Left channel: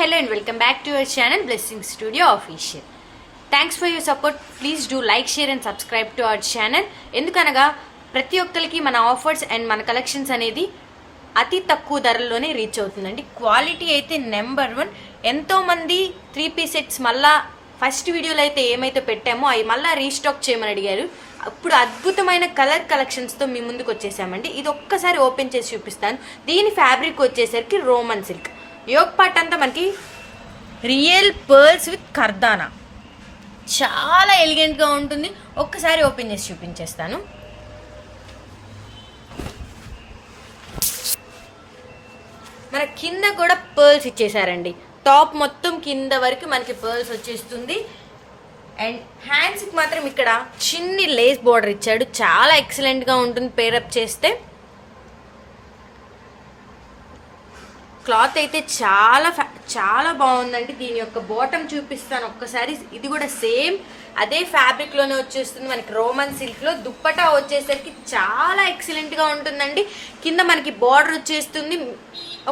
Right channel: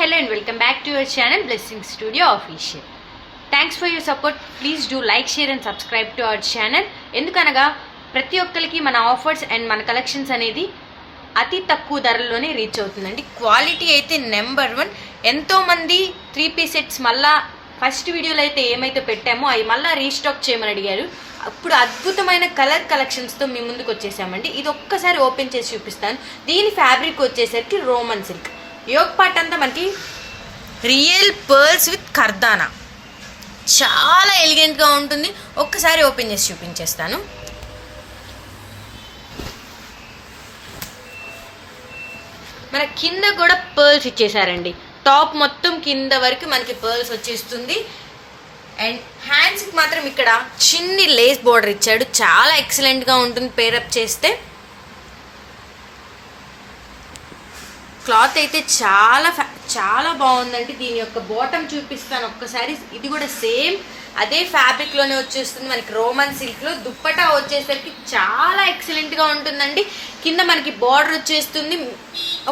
hello and welcome back to our channel Blessing Studio Official. Thanks for your support. Please do like, share and subscribe to our channel. ఎందుకనగా ప్రతి ఒక్కరికి మన offers and మన collections అనేది అతి తక్కువ ధరల్లోనే reach అవుతుందండి. క్వాలిటీ అయితే నెంబర్ 1. ఎంతోమంది 3 పీస్ సెట్స్ మళ్ళా ఫస్ట్ వీడియోలో అయితే ఏమైతే పెట్టామో అవి మళ్ళీ రీస్టాక్ చేయమని అడిగారు. అప్పుడు అద్భుతమైన కలర్ కలెక్షన్స్తో మీ ముందుకు వచ్చేసామండి. ఇది ఒక్కసారి ఓపెన్ చేసి చూపిస్తాను. దీని ఫ్యాబ్రిక్ వచ్చేసరికి రోమన్ సిల్క్. యోగ్ పార్ట్ అంతా మనకి రియల్ పర్ల్స్ విత్ కర్దానా, చాలా ఎలిగెంట్గా ఉంటుంది. ఒక్కసారి ఓపెన్ చేసి చూపించేస్తాను. మన కింద కూడా పర్ల్స్ ఇచ్చేసారండి. టాప్ మొత్తం కింద వరకు మనకి పర్ల్స్ వచ్చేస్తుంది. అండ్ హ్యాండ్స్కి మాత్రం ఇక్కడ చిన్ని లేస్ బోర్డర్ ఇచ్చాడు. చాలా ఎక్సలెంట్గా ఉంటుంది పేరప్ చేస్తే. క్లాత్ అయితే చాలా బాగుందండి. దీని యొక్క బాటమ్ చూపిస్తాను ఒక్కసారి. ఇది కూడా సేమ్ అదే ఫ్యాబ్రిక్లోనే వచ్చేస్తుంది మనకి రోమన్ సిల్క్లో. దుప్పటా వచ్చేసరికి చాలా ఎక్సలెంట్గా ఉంటుందండి. కింద మనకి బార్డర్ వచ్చేస్తుంది.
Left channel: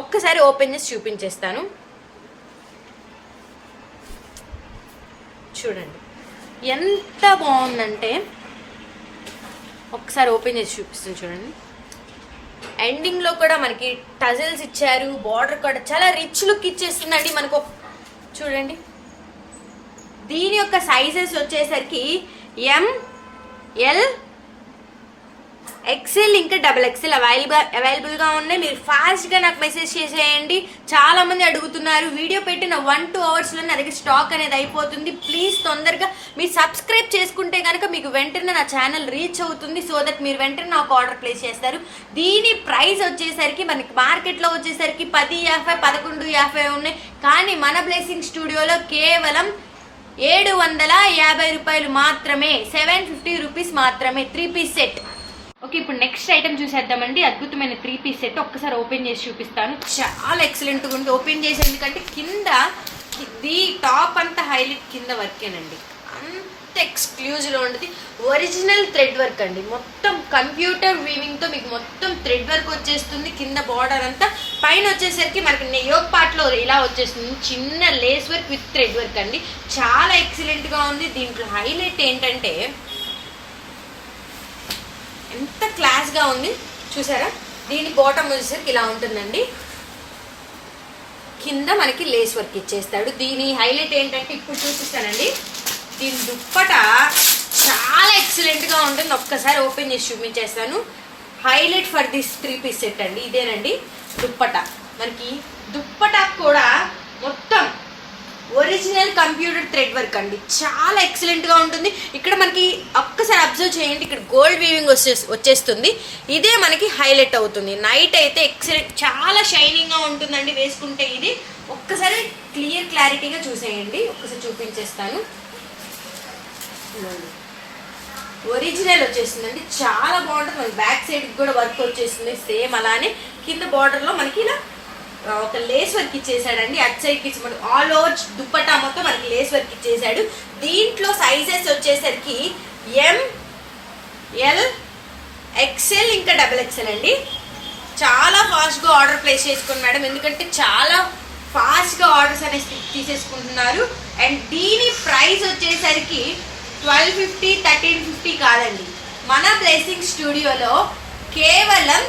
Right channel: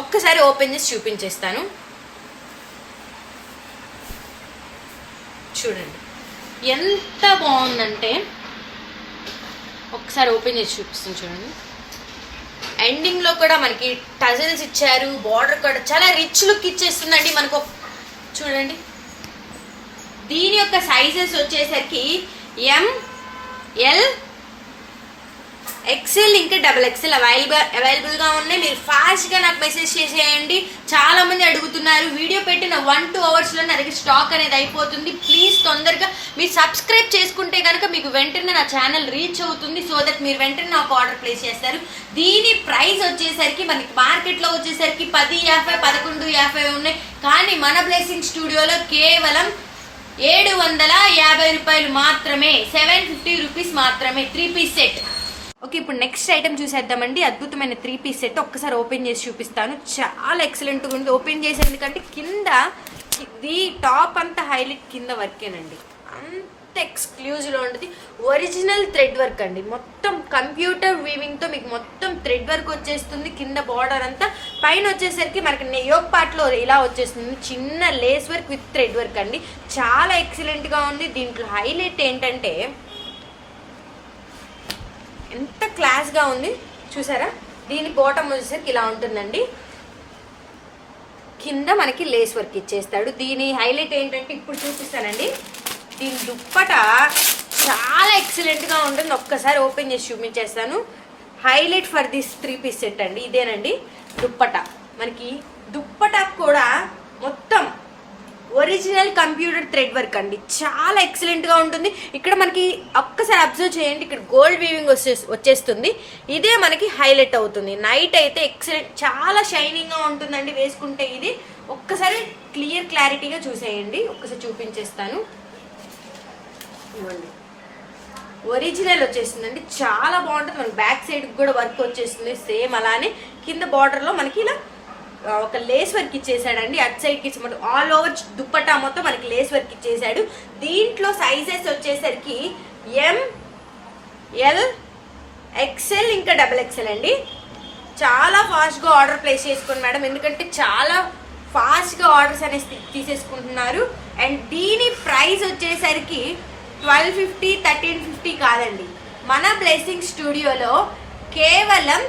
ఒక్కసారి ఓపెన్ చేసి చూపించేస్తాను. చూడండి ఎంత బాగుందంటే, ఒక్కసారి ఓపెన్ చేసి చూపిస్తాను. చూడండి ఎండింగ్లో కూడా మనకి టజల్స్ ఇచ్చారు. బార్డర్ కూడా చాలా రిచ్ లుక్ ఇచ్చేస్తుందండి మనకు. చూడండి దీని యొక్క సైజెస్ వచ్చేసరికి ML XL ఇంకా XXL అవైలబుల్గా ఉన్నాయి. మీరు ఫాస్ట్గా నాకు మెసేజ్ చేసేయండి. చాలా మంది అడుగుతున్నారు. వీడియో పెట్టిన 1-2 అవర్స్లో నా దగ్గర స్టాక్ అనేది అయిపోతుంది. ప్లీజ్ తొందరగా మీరు సబ్స్క్రైబ్ చేసుకుంటే కనుక మీకు వెంటనే నా ఛానల్ రీచ్ అవుతుంది. సో దట్ మీరు వెంటనే నాకు ఆర్డర్ ప్లేస్ చేస్తారు. దీని ప్రైస్ వచ్చేసరికి మనకి మార్కెట్లో వచ్చేసరికి 10.50 11.50 ఉన్నాయి. కానీ మన బ్లెస్సింగ్ స్టూడియోలో కేవలం 750 రూపాయలు మాత్రమే, 750 రూపీస్ మాత్రమే 3 పీస్ సెట్. ఓకే, ఇప్పుడు నెక్స్ట్ ఐటమ్ చూసేద్దామండి. అద్భుతమైన 3 పీస్ సెట్. ఒక్కసారి ఓపెన్ చేసి చూపిస్తాను. చాలా ఎక్సలెంట్గా ఉంది. ఓపెన్ చేసి ఎందుకంటే కింద ఇది టాప్ అంతా హైలైట్ కింద వర్కేనండి. అంత ఎక్స్క్లూజివ్లో ఉంటుంది. ఒరిజినల్ థ్రెడ్ వర్క్ అండి. మొత్తం కంప్యూటర్ వీవింగ్తో మీకు మొత్తం థ్రెడ్ వర్క్ వచ్చేస్తుంది. కింద బార్డర్ అంతా, పైన వచ్చేసరికి మనకి యోగ్ పార్ట్లో ఇలా వచ్చేస్తుంది. చిన్న lace work with thread work అండి. చాలా ఎక్సలెంట్గా ఉంది. దీంట్లో హైలైట్ ఏంటంటే ఎంత క్లాస్గా ఉంది చూసారా. దీని బాటమ్ వచ్చేసరికి ఇలా ఉంటుందండి. కింద మనకి లేస్ వర్క్ ఇచ్చేస్తాడు. దీని హైలైట్ ఏంటంటే ఇప్పుడు చూపిస్తానండి. దీని దుప్పట చాలా ఎక్సలెంట్గా ఉంటుంది. ఒక్కసారి ఓపెన్ చేసి చూపించేస్తాను. Highlight for this 3 piece set అండి. ఇదేనండి దుప్పట. మనకి దుప్పట కూడా మొత్తం ఒరిజినల్ కంప్యూటర్ థ్రెడ్ వర్క్ అండి. చాలా ఎక్సలెంట్గా ఉంటుంది. ఇక్కడ మనకి ఒక్కసారి అబ్జర్వ్ చేయండి. ఇక్కడ గోల్డ్ వీవింగ్ వచ్చేస్తుంది. ఇదే మనకి హైలైట్ అవుతుంది. నైట్ అయితే ఎక్సలెంట్, చాలా షైనింగ్గా ఉంటుందండి వేసుకుంటే. ఇది ఒక్కసారి క్లారిటీగా చూసేయండి. ఒక్కసారి చూపించేస్తాను. ఒరిజినల్ వచ్చేస్తుందండి. చాలా బాగుంటుంది. మనకి బ్యాక్ సైడ్కి కూడా వర్క్ వచ్చేస్తుంది సేమ్ అలానే. కింద బార్డర్లో మనకి ఇలా ఒక లేస్ వర్క్ ఇచ్చేసాడండి. అటు సైడ్కి ఇచ్చి మనకి ఆల్ ఓవర్ దుప్పటా మొత్తం మనకి లేస్ వర్క్ ఇచ్చేసాడు. దీంట్లో సైజెస్ వచ్చేసరికి ML XL ఇంకా XXL అండి. చాలా ఫాస్ట్గా ఆర్డర్ ప్లేస్ చేసుకోండి మేడం, ఎందుకంటే చాలా ఫాస్ట్గా ఆర్డర్స్ అనేవి తీసేసుకుంటున్నారు. అండ్ దీని ప్రైస్ వచ్చేసరికి 1250 1350 కాదండి. మన బ్లెస్సింగ్ స్టూడియోలో కేవలం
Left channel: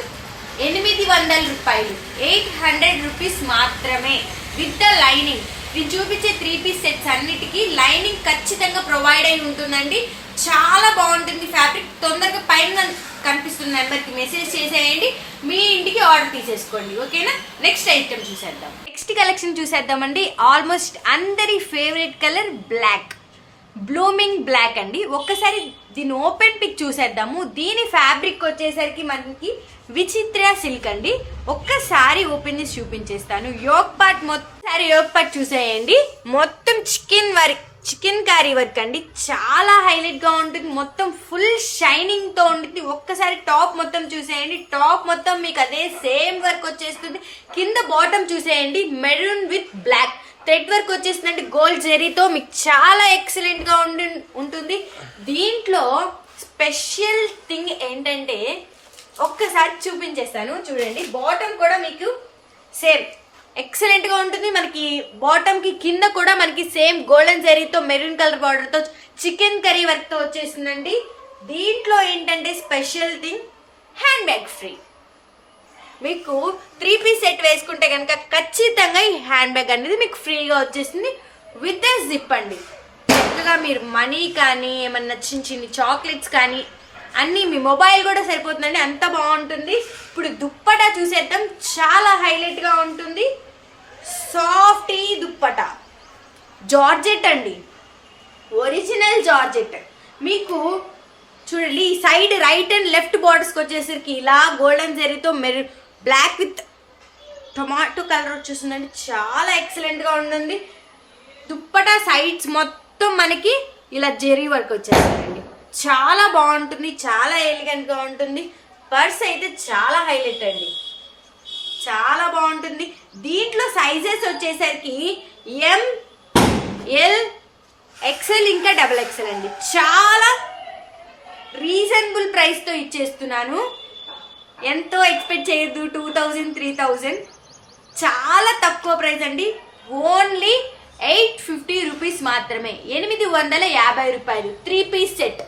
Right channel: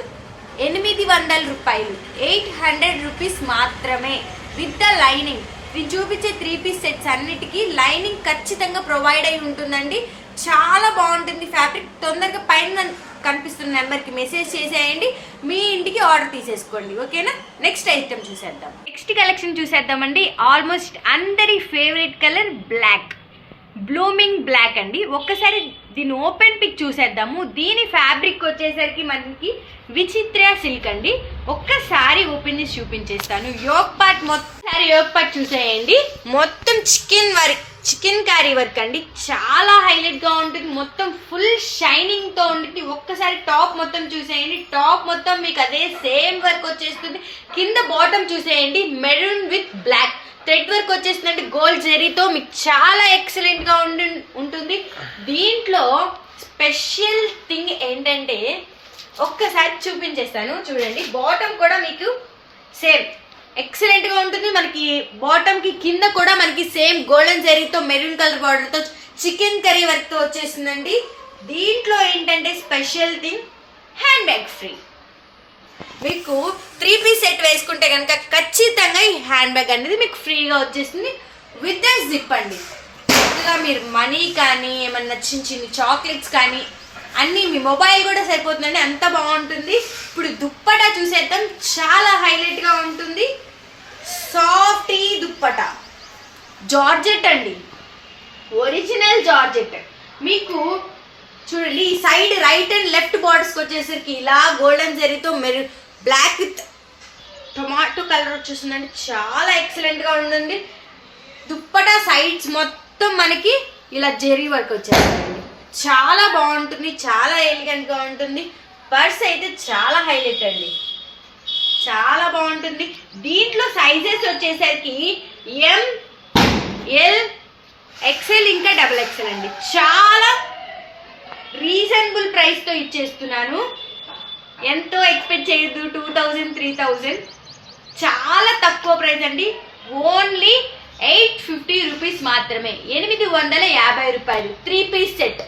800 రూపాయలు, 800 రూపీస్ మాత్రమే విత్ ద లైనింగ్. నేను చూపించే 3 పీస్ సెట్స్ అన్నిటికీ లైనింగ్ ఖచ్చితంగా ప్రొవైడ్ అయి ఉంటుందండి. చాలా బాగుంటుంది ఫ్యాబ్రిక్. తొందరగా పైన కనిపిస్తున్న నెంబర్కి మెసేజ్ చేసేయండి. మీ ఇంటికి ఆర్డర్ తీసేసుకోండి. ఓకేనా. నెక్స్ట్ ఐటమ్ చూసేద్దాం. నెక్స్ట్ కలెక్షన్ చూసేద్దామండి. ఆల్మోస్ట్ అందరి favourite colour black, blooming black అండి. ఒక్కసారి దీని ఓపెన్ పిక్ చూసేద్దాము. దీని ఫ్యాబ్రిక్ వచ్చేసరికి మనకి విచిత్ర సిల్క్ అండి. ఒక్కసారి ఓపెన్ చేసి చూపించేస్తాను. యోగ్ పార్ట్ మొత్తం యోగ్ పార్ట్ చూసేయండి. మొత్తం చికెన్ కారీ వర్క్ అండి. చాలా హైలైట్గా ఉంటుంది. మొత్తం ఫుల్ షైనింగ్తో ఉంటుంది. ఒక్కసారి టాప్ మొత్తం చూసేయండి. టాప్ మొత్తం మీకు అదే సేమ్ వర్క్ వచ్చేస్తుంది. కింద బాటమ్ చూసేయండి. Maroon with black thread work వచ్చేస్తుందండి. గోల్డ్ జెరీతో మీకు చాలా ఎక్సలెంట్గా ఉంటుంది. దీంట్లో స్పెషల్ థింగ్ ఏంటంటే ఒక్కసారి చూపించేస్తాను. చూడండి బాటమ్ కూడా మీకు సేమ్ ఎక్సలెంట్ గా ఉంటుంది. మనకి బాటమ్ కి కింద కూడా మనకి సేమ్ గోల్డెన్ జరీతో మెరూన్ కలర్ బార్డర్ తో చికెన్ కర్రీ వర్క్ తో వచ్చేసిందండి. దీంట్లో ఏంటంటే special thing hand bag free. మీకు 3 పీస్ సెట్ వేసుకుంటే కనుక ఖచ్చితంగా ఈ హ్యాండ్ బ్యాగ్ అనేది మీకు ఫ్రీగా వచ్చేస్తుంది విత్ ద జిప్ అండి. చక్కగా మీరు మనీ కానీ ఏమన్నా చిన్న చిన్న చాక్లెట్స్ కానీ అన్నీ, మీ మొబైల్ కూడా సరిపోతుందండి, అంత బాగుంటుంది. ఇప్పుడు దుప్పటా చూసేద్దాం, చాలా హైలైట్గా ఉంటుంది. సాఫ్ట్ దుప్పటా జార్జెట్ అండి, ఒరిజినల్ జార్జెట్. మీకు చూడండి ఈ సైడ్ రైట్ అండ్ లెఫ్ట్ బార్డర్స్కి వచ్చేసరికి ఇలా గోల్డెన్ జరీతో బ్లాక్ విత్ టొమాటో కలర్ వచ్చేస్తుందండి, చాలా ఎక్సలెంట్గా ఉంటుంది. దుప్పటా సైడ్స్ మొత్తం మనకి ఇలా జరీ వర్క్ వచ్చేస్తుందండి, చాలా బాగుంటుంది, చాలా ఎలిగెంట్గా ఉంటుంది. పర్స్ అయితే చాలా హైలైట్ అండి, చాలా బాగుంటుంది. దీంట్లో సైజెస్ వచ్చేసరికి ఎం, ఎల్, ఎక్సెల్ ఇంకా XXL అండి. చాలా రీజనబుల్ ప్రైస్తో ఇచ్చేస్తున్నాను, ఎంతో ఎక్స్పెక్ట్ చేయొద్దు. 2000, 3000 చాలా తక్కువ ప్రైస్ అండి. ఓన్లీ 850 రూపీస్ మాత్రమే, 850 రూపాయలు 3 పీస్ సెట్.